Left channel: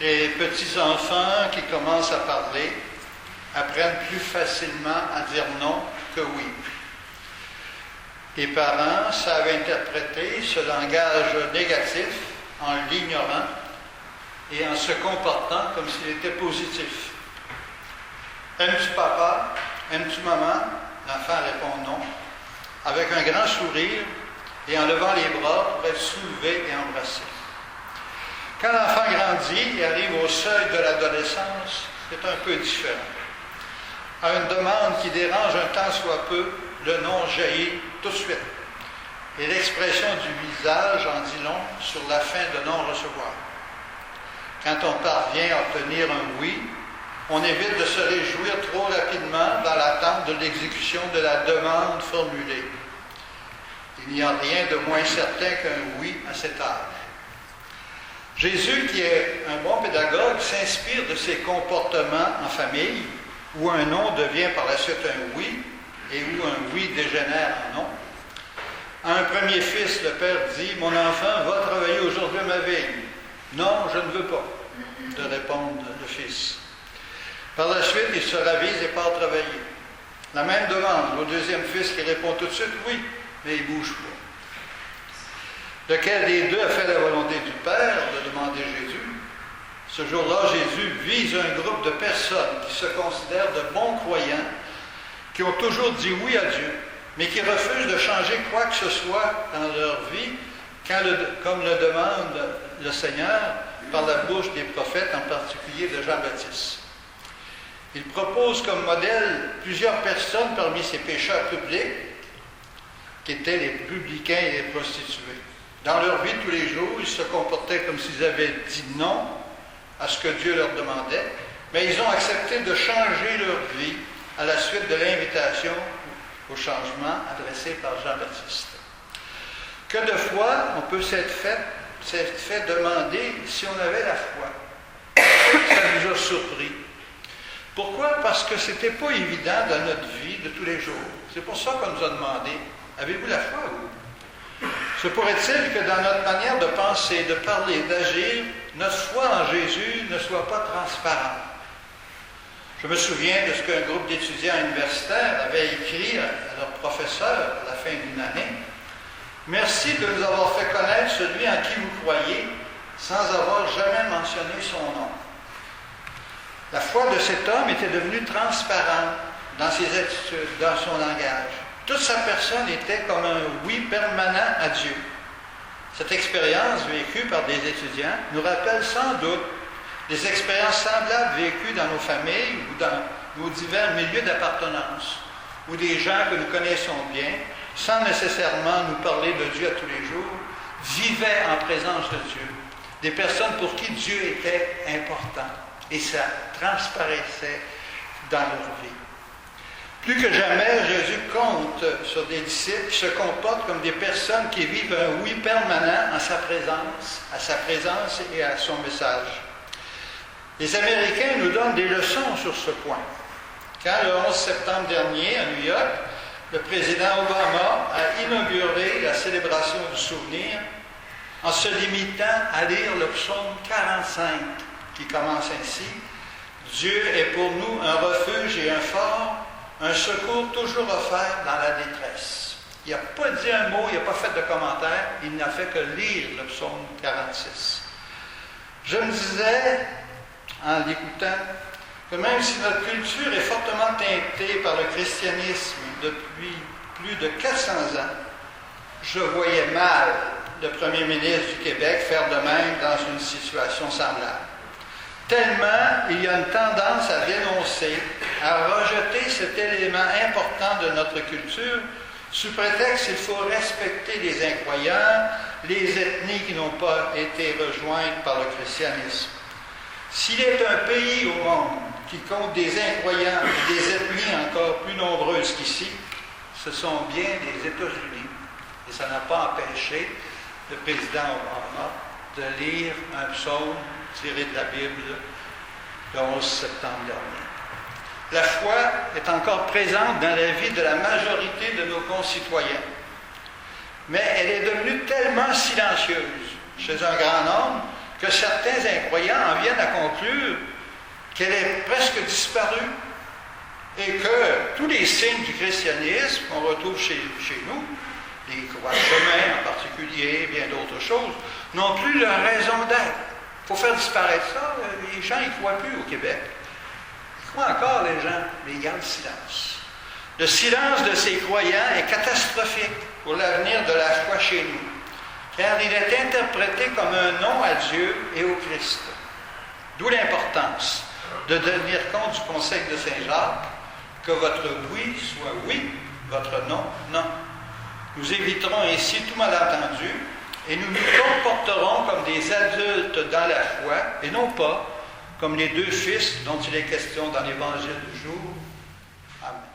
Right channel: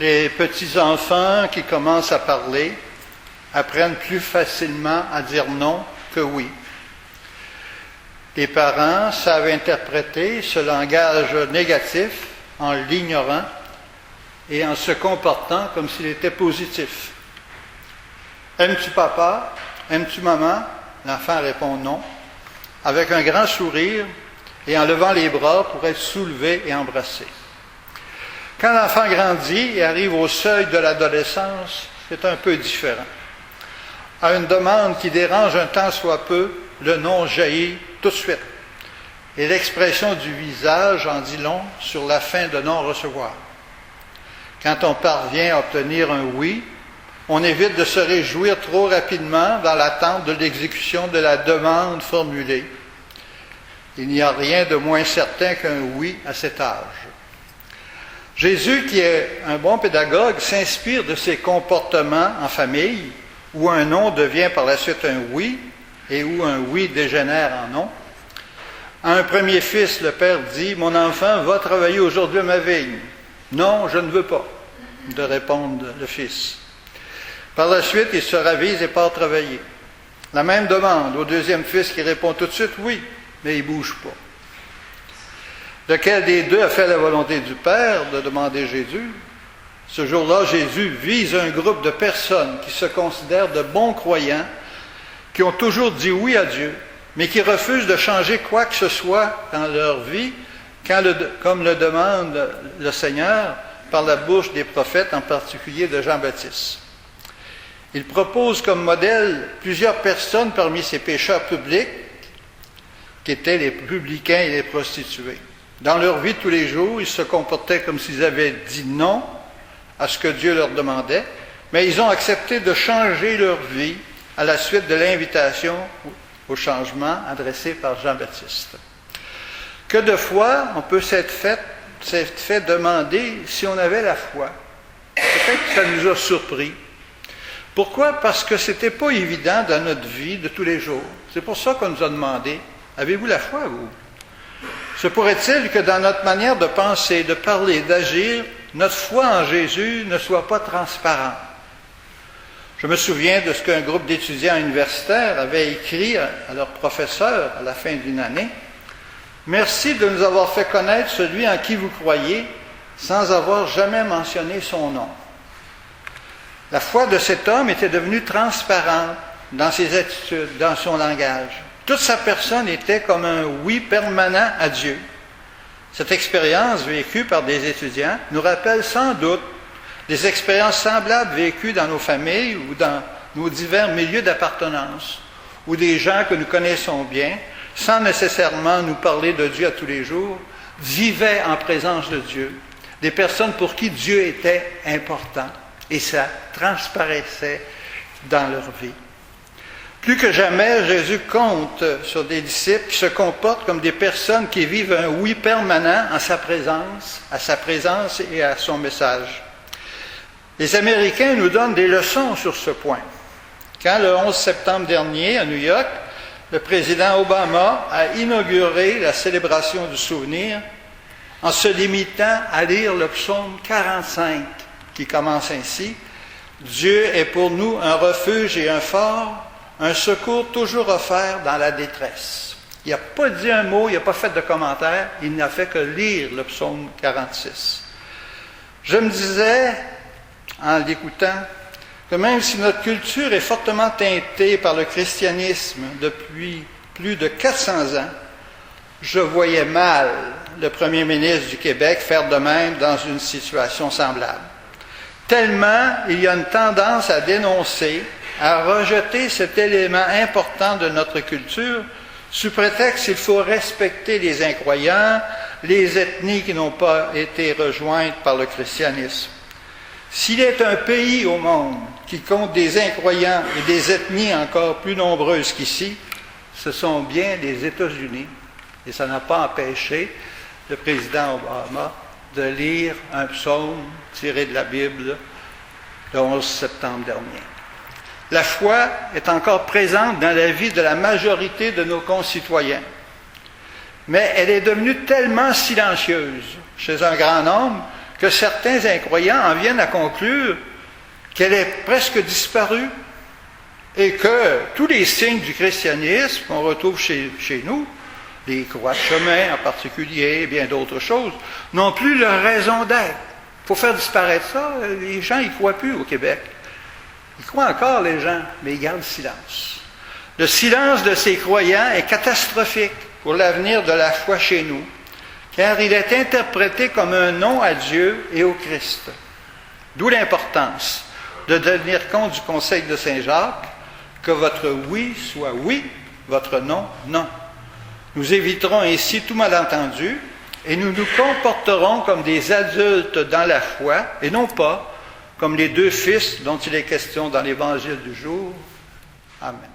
Les petits-enfants qui commencent à parler apprennent plus facilement à dire non que oui. Les parents savent interpréter ce langage négatif en l'ignorant et en se comportant comme s'il était positif. Aimes-tu papa? Aimes-tu maman? L'enfant répond non, avec un grand sourire et en levant les bras pour être soulevé et embrassé. Quand l'enfant grandit et arrive au seuil de l'adolescence, c'est un peu différent. À une demande qui dérange un tant soit peu, le non jaillit tout de suite. Et l'expression du visage en dit long sur la fin de non-recevoir. Quand on parvient à obtenir un oui, on évite de se réjouir trop rapidement dans l'attente de l'exécution de la demande formulée. Il n'y a rien de moins certain qu'un oui à cet âge. Jésus, qui est un bon pédagogue, s'inspire de ses comportements en famille, où un non devient par la suite un oui, et où un oui dégénère en non. À un premier fils, le père dit « Mon enfant va travailler aujourd'hui à ma vigne. »« Non, je ne veux pas », de répondre le fils. Par la suite, il se ravise et part travailler. La même demande au deuxième fils qui répond tout de suite « Oui », mais il ne bouge pas. Lequel des deux a fait la volonté du Père, de demander Jésus? Ce jour-là, Jésus vise un groupe de personnes qui se considèrent de bons croyants, qui ont toujours dit oui à Dieu, mais qui refusent de changer quoi que ce soit dans leur vie, comme le demande le Seigneur par la bouche des prophètes, en particulier de Jean-Baptiste. Il propose comme modèle plusieurs personnes parmi ces pécheurs publics, qui étaient les publicains et les prostituées. Dans leur vie de tous les jours, ils se comportaient comme s'ils avaient dit non à ce que Dieu leur demandait, mais ils ont accepté de changer leur vie à la suite de l'invitation au changement adressée par Jean-Baptiste. Que de fois on peut s'être fait demander si on avait la foi. Peut-être que ça nous a surpris. Pourquoi? Parce que ce n'était pas évident dans notre vie de tous les jours. C'est pour ça qu'on nous a demandé, avez-vous la foi, vous? Se pourrait-il que dans notre manière de penser, de parler, d'agir, notre foi en Jésus ne soit pas transparente? Je me souviens de ce qu'un groupe d'étudiants universitaires avait écrit à leur professeur à la fin d'une année. « Merci de nous avoir fait connaître celui en qui vous croyez, sans avoir jamais mentionné son nom. » La foi de cet homme était devenue transparente dans ses attitudes, dans son langage. Toute sa personne était comme un oui permanent à Dieu. Cette expérience vécue par des étudiants nous rappelle sans doute des expériences semblables vécues dans nos familles ou dans nos divers milieux d'appartenance, où des gens que nous connaissons bien, sans nécessairement nous parler de Dieu à tous les jours, vivaient en présence de Dieu, des personnes pour qui Dieu était important, et ça transparaissait dans leur vie. Plus que jamais, Jésus compte sur des disciples qui se comportent comme des personnes qui vivent un oui permanent à sa présence et à son message. Les Américains nous donnent des leçons sur ce point. Quand le 11 septembre dernier, à New York, le président Obama a inauguré la célébration du souvenir en se limitant à lire le psaume 45, qui commence ainsi « Dieu est pour nous un refuge et un fort, un secours toujours offert dans la détresse. » Il n'a pas dit un mot, il n'a pas fait de commentaire, il n'a fait que lire le psaume 46. Je me disais, en l'écoutant, que même si notre culture est fortement teintée par le christianisme depuis plus de 400 ans, je voyais mal le premier ministre du Québec faire de même dans une situation semblable. Tellement il y a une tendance à dénoncer, à rejeter cet élément important de notre culture, sous prétexte qu'il faut respecter les incroyants, les ethnies qui n'ont pas été rejointes par le christianisme. S'il est un pays au monde qui compte des incroyants et des ethnies encore plus nombreuses qu'ici, ce sont bien les États-Unis. Et ça n'a pas empêché le président Obama de lire un psaume tiré de la Bible le 11 septembre dernier. La foi est encore présente dans la vie de la majorité de nos concitoyens. Mais elle est devenue tellement silencieuse chez un grand nombre que certains incroyants en viennent à conclure qu'elle est presque disparue et que tous les signes du christianisme qu'on retrouve chez nous, les croix de chemin en particulier, et bien d'autres choses, n'ont plus leur raison d'être. Il faut faire disparaître ça. Les gens n'y croient plus au Québec. Ils croient encore, les gens, mais ils gardent le silence. Le silence de ces croyants est catastrophique pour l'avenir de la foi chez nous, car il est interprété comme un non à Dieu et au Christ. D'où l'importance de tenir compte du conseil de Saint Jacques, que votre oui soit oui, votre non, non. Nous éviterons ainsi tout malentendu et nous nous comporterons comme des adultes dans la foi et non pas comme les deux fils dont il est question dans l'Évangile du jour. Amen.